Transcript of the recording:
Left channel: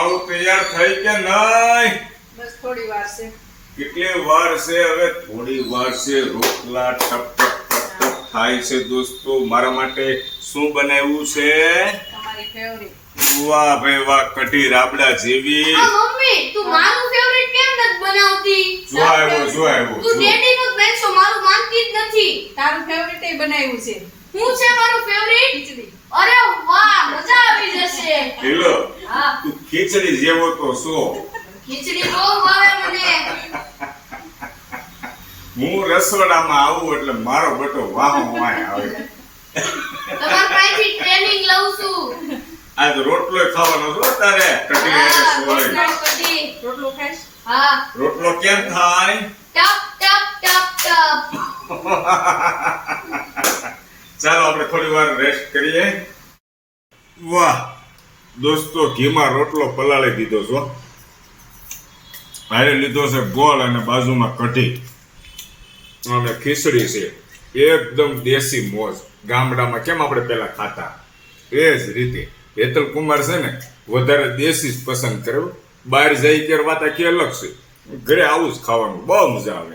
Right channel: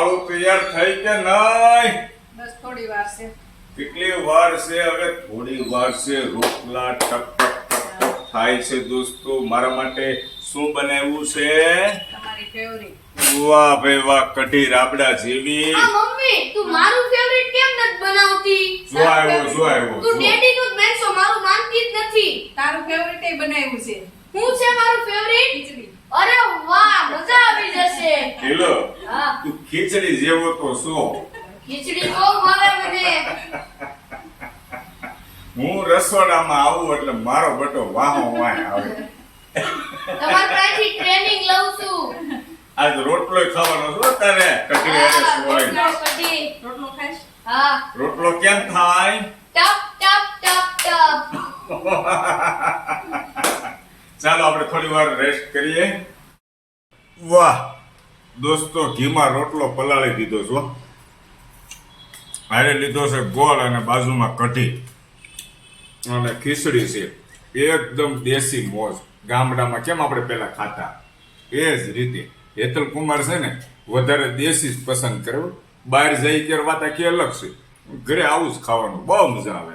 વાળું તૈયાર થઈ કે નહીં? બસ થોડી વાર છે. કેટલી વાર છે? હવે થોડી વાર છે. રોટલા ટપ ટપ ટપ ટપ થાય છે દોસ્તો. મારા માટે શું બનાવ્યું છે? તમારી ફેવરિટ. વાહ ભાઈ વાહ, કઢી રાબડા જેવી. મમ્મી તું મારું ફેવરિટ કેમ નથી બનાવતી? જો આવ્યો તું ડેડી નું જ બેસો, મારું માનતી જ નથી. તારું ફેવરિટ એ બનાવ્યું છે. હું છે મારું ફેવરિટ? ખીચડી. અરે વાહ, મજા આવી જશે. હેલો, હા, તું ખીચડી જેવો તો છો. ખીચડી બહુ ભાવે મને. હું રસોડામાં આવું એટલે મારો બટો વાહો વાહ આવે. તમારા પાસેથી ટ્રેનિંગ લઉં છું. આજ રોટલો ખાવાનો છો તારે? કઢી હાથે હા, સોળે. રોટલો કઢી. રોટલો ખાઈશ? હા, રોટલો કેમ થાય? ટપ ટપ ટપ ટપ. ચાલો આપણે થોડી વાર રેસ્ટ કરીએ. વાહ દોસ્તો, ઘીમાં રોટલો પલાળી દીધો છો. હારે લીધો છે ગોળ અને બાજુમાં કઢી અને ખીચડી છે. એકદમ દેશી મોજ. ગામડામાં કેમ આપણે પેલા ખાતા એ જ રીતે. હેતલ કુમાર છે ને વધારે દેશી જ પસંદ કરે. બહાર જઈ કે વાત આખી અલગ છે. ઘરે આવું જ ખાવાનું બહુ મજા આવે.